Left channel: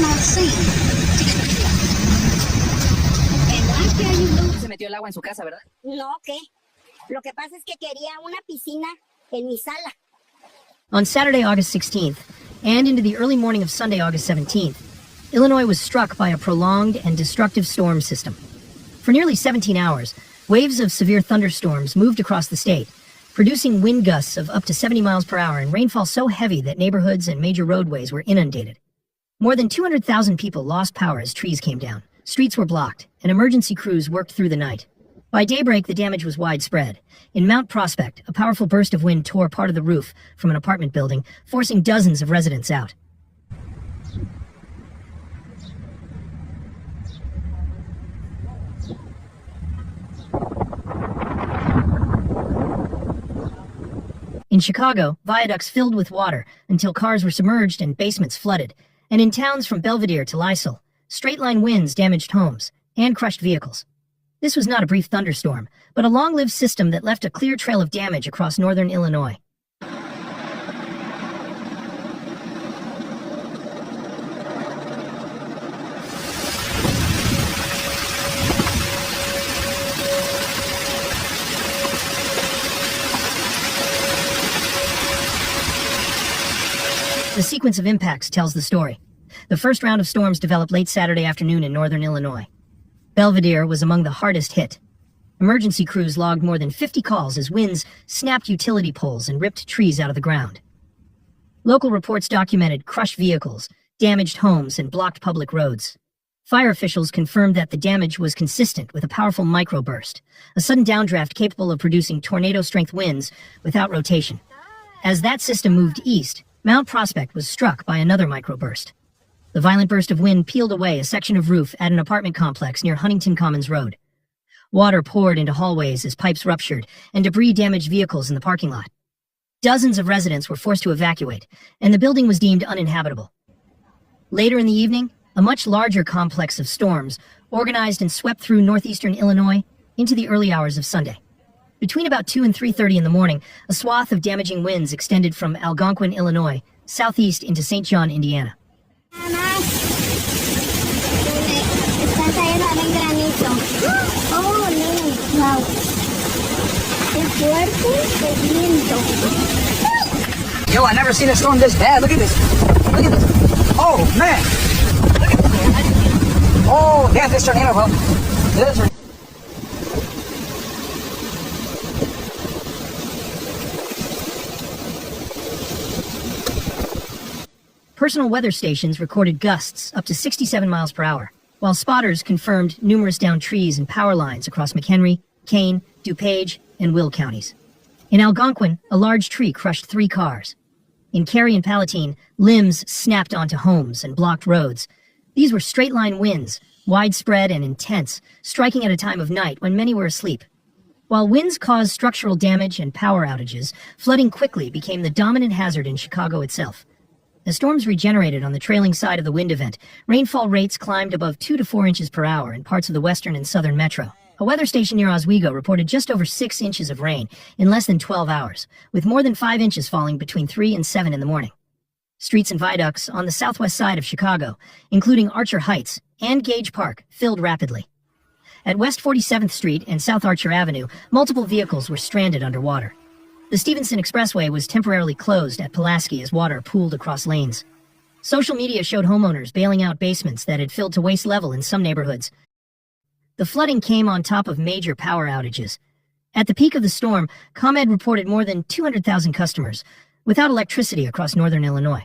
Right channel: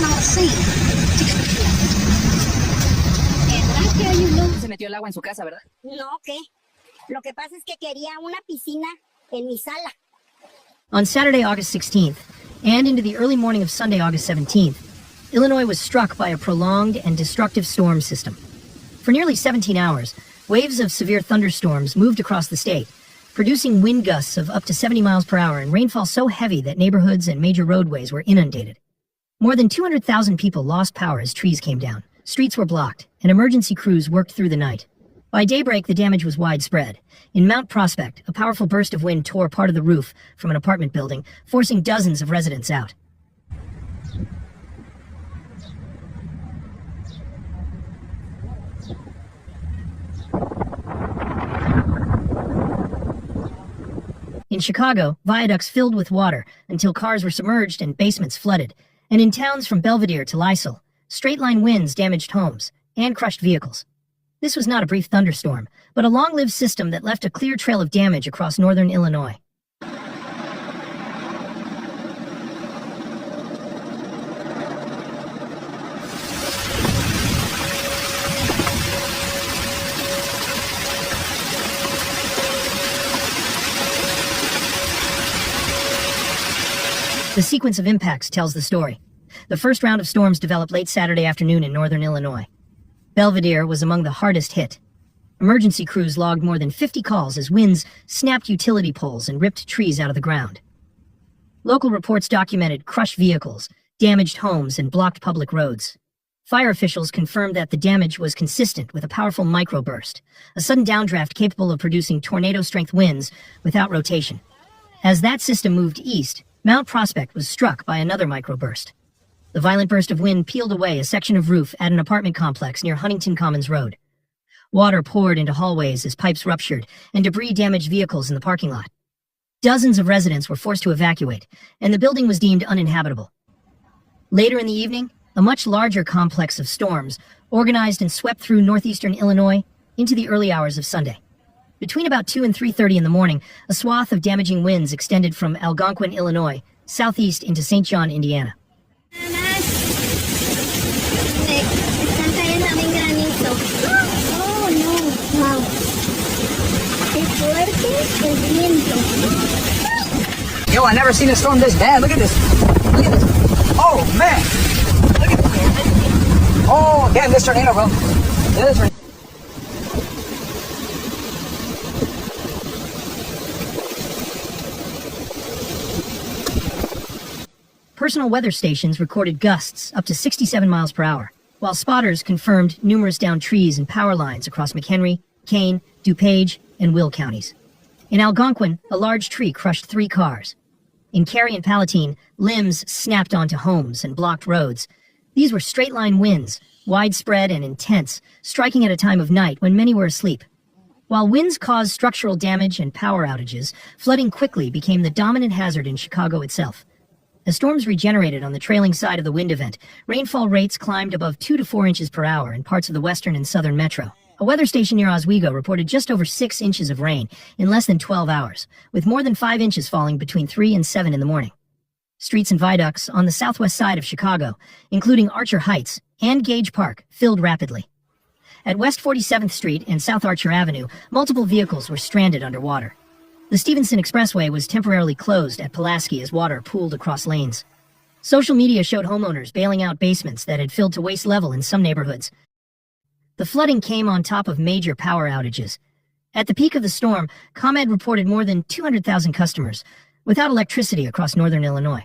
not seen. And I tell you, no. Se metió el agua en su casa, ¿verdad? No, ¿qué? Lo que pasa es que quería una piscina en mi sala. On Saturday, August 16th, and into the early morning of Sunday, August 17th, Illinois was struck by a prolonged and destructive storm system. For nearly 17 hours, waves of severe thunderstorms moved across the state, producing wind gusts of up to 70 miles per hour and rainfall so heavy that neighborhoods and major roadways were inundated. More than 200,000 people lost power as trees came down. Streets were blocked, and emergency crews worked through the night. By daybreak, the damage was widespread. In Mount Prospect, a powerful burst of wind tore part of the roof from an apartment building, forcing dozens of residents out. In Chicago, viaducts filled with water until cars were submerged and basements flooded. And in towns from Belvedere to Lisle, straight-line winds damaged homes and crushed vehicles. This was not a brief thunderstorm, but a long-lived system that left a clear trail of damage across northern Illinois. The sequence of impacts tells the story. The first round of storms developed late Saturday afternoon in northern Illinois. Belvedere was among the hardest hit. Emergency crews logged more than 50 calls as winds snapped utility poles and ripped trees out of the ground. Local reports documented crushed vehicles, damaged homes, and blocked public roads. Fire officials confirmed that the damage was consistent with a powerful microburst, a sudden downdraft capable of producing tornado-strength winds without rotation. As that system moved east, Mount Prospect was struck by another microburst. The violent burst of wind peeled away a section of roof at an apartment complex near Huntington Commons Road. Water poured into hallways as pipes ruptured, and debris damaged vehicles in the parking lot. Dozens of residents were forced to evacuate, and the building was deemed uninhabitable. Later in the evening, a much larger complex of storms organized and swept through northeastern Illinois into the early hours of Sunday. Between about 2 and 3:30 in the morning, a swath of damaging winds extended from Algonquin, Illinois, southeast into St. John, Indiana. Yo, I never seen a storm this bad. Look at this. Look at this. Oh, man. Look at this, man. Oh, damn, this tornado, bro. This tornado. Personal weather stations recorded gusts up to 67 miles per hour, while spotters confirmed numerous downed trees and power lines across McHenry, Kane, DuPage, and Will counties. In Algonquin, a large tree crushed 3 cars. In Cary and Palatine, limbs snapped onto homes and blocked roads. These were straight-line winds, widespread and intense, striking at a time of night when many were asleep. While winds caused structural damage and power outages, flooding quickly became the dominant hazard in Chicago itself. As storms regenerated on the trailing side of the wind event, rainfall rates climbed above 2 to 4 inches per hour in parts of the western and southern metro. A weather station near Oswego reported just over 6 inches of rain in less than 12 hours, with more than 5 inches falling between 3 and 7 in the morning. Streets and viaducts on the southwest side of Chicago, including Archer Heights and Gage Park, filled rapidly. At West 47th Street and South Archer Avenue, multiple vehicles were stranded underwater. The Stevenson Expressway was temporarily closed at Pulaski as water pooled across lanes. Social media showed homeowners bailing out basements that had filled to waist level in some neighborhoods. The flooding came on top of major power outages. At the peak of the storm, ComEd reported more than 200,000 customers without electricity across northern Illinois.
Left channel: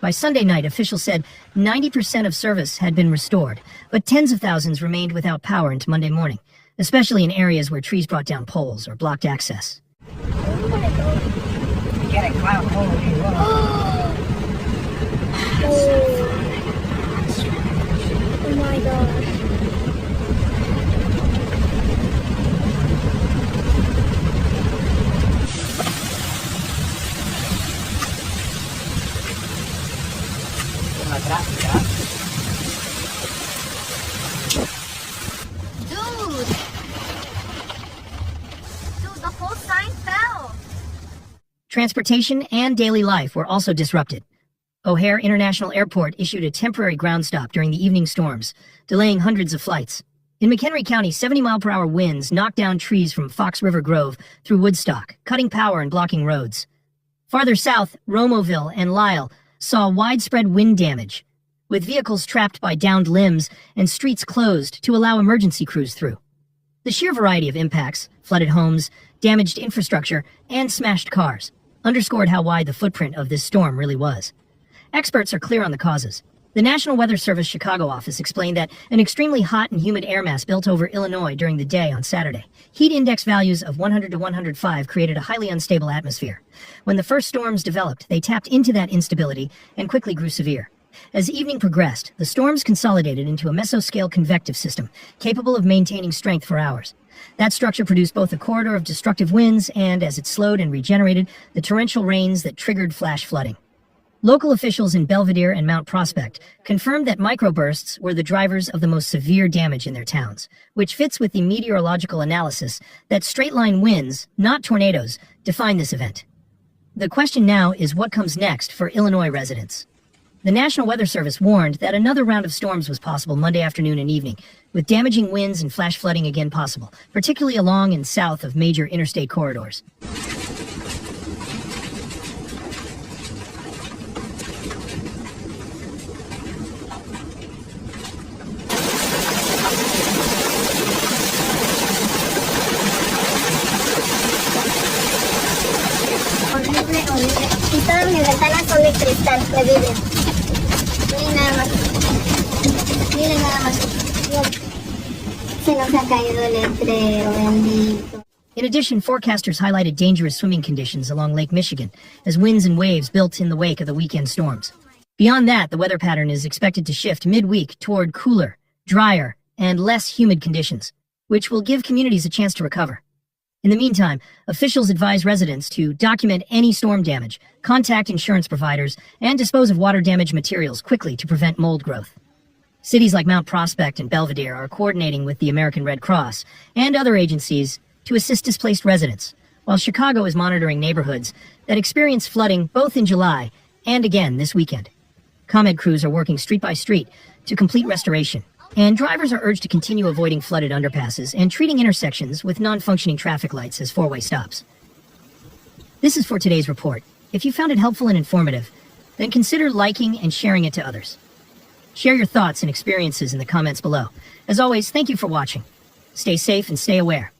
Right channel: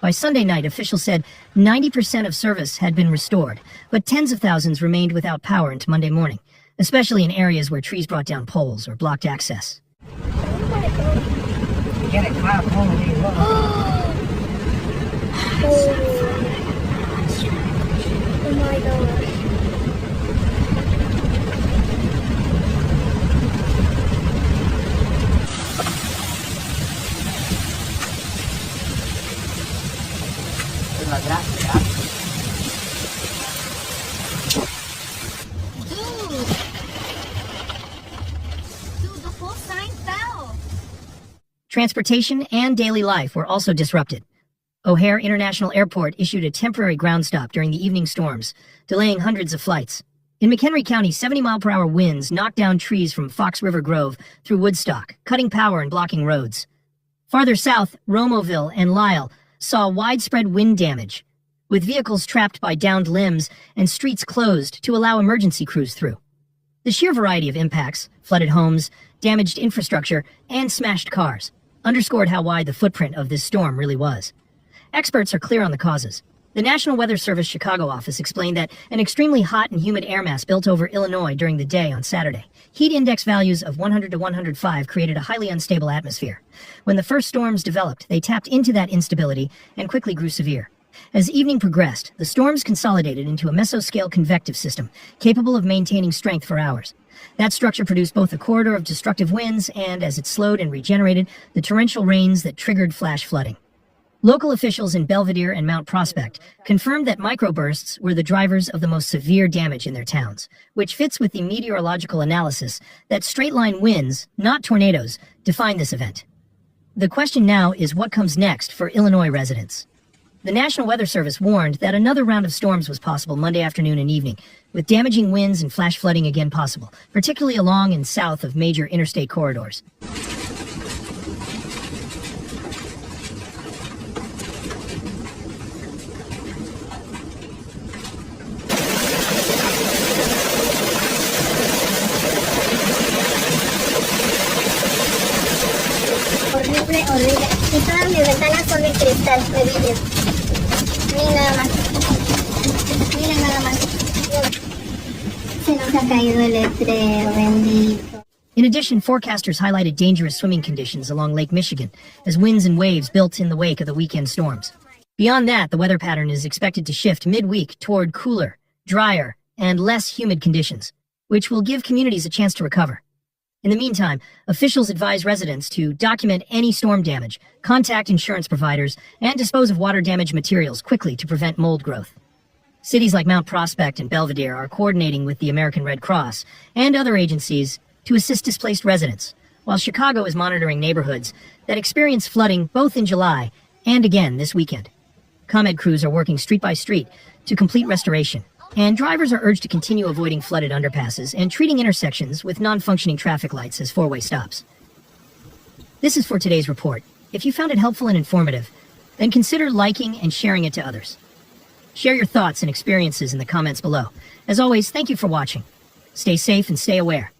By Sunday night, officials said 90% of service had been restored, but tens of thousands remained without power into Monday morning, especially in areas where trees brought down poles or blocked access. Get it, cloud. Oh my gosh. Dude, the whole sign fell. Transportation and daily life were also disrupted. O'Hare International Airport issued a temporary ground stop during the evening storms, delaying hundreds of flights. In McHenry County, 70-mile-per-hour winds knocked down trees from Fox River Grove through Woodstock, cutting power and blocking roads. Farther south, Romoville and Lisle saw widespread wind damage, with vehicles trapped by downed limbs and streets closed to allow emergency crews through. The sheer variety of impacts, flooded homes, damaged infrastructure, and smashed cars, underscored how wide the footprint of this storm really was. Experts are clear on the causes. The National Weather Service Chicago office explained that an extremely hot and humid air mass built over Illinois during the day on Saturday. Heat index values of 100 to 105 created a highly unstable atmosphere. When the first storms developed, they tapped into that instability and quickly grew severe. As evening progressed, the storms consolidated into a mesoscale convective system, capable of maintaining strength for hours. That structure produced both a corridor of destructive winds and, as it slowed and regenerated, the torrential rains that triggered flash flooding. Local officials in Belvedere and Mount Prospect confirmed that microbursts were the drivers of the most severe damage in their towns, which fits with the meteorological analysis that straight-line winds, not tornadoes, define this event. The question now is what comes next for Illinois residents. The National Weather Service warned that another round of storms was possible Monday afternoon and evening, with damaging winds and flash flooding again possible, particularly along and south of major interstate corridors. Horrible, horrible. Y todas mis ventanas son de cristal, de vidrio. Miren nada más. Miren nada más. Dios. Se nos ha caído el letrero, bendito. In addition, forecasters highlighted dangerous swimming conditions along Lake Michigan as winds and waves built in the wake of the weekend storms. Beyond that, the weather pattern is expected to shift midweek toward cooler, drier, and less humid conditions, which will give communities a chance to recover. In the meantime, officials advise residents to document any storm damage, contact insurance providers, and dispose of water-damaged materials quickly to prevent mold growth. Cities like Mount Prospect and Belvedere are coordinating with the American Red Cross and other agencies to assist displaced residents, while Chicago is monitoring neighborhoods that experience flooding both in July and again this weekend. ComEd crews are working street by street to complete restoration, and drivers are urged to continue avoiding flooded underpasses and treating intersections with non-functioning traffic lights as four-way stops. This is for today's report. If you found it helpful and informative, then consider liking and sharing it to others. Share your thoughts and experiences in the comments below. As always, thank you for watching. Stay safe and stay aware.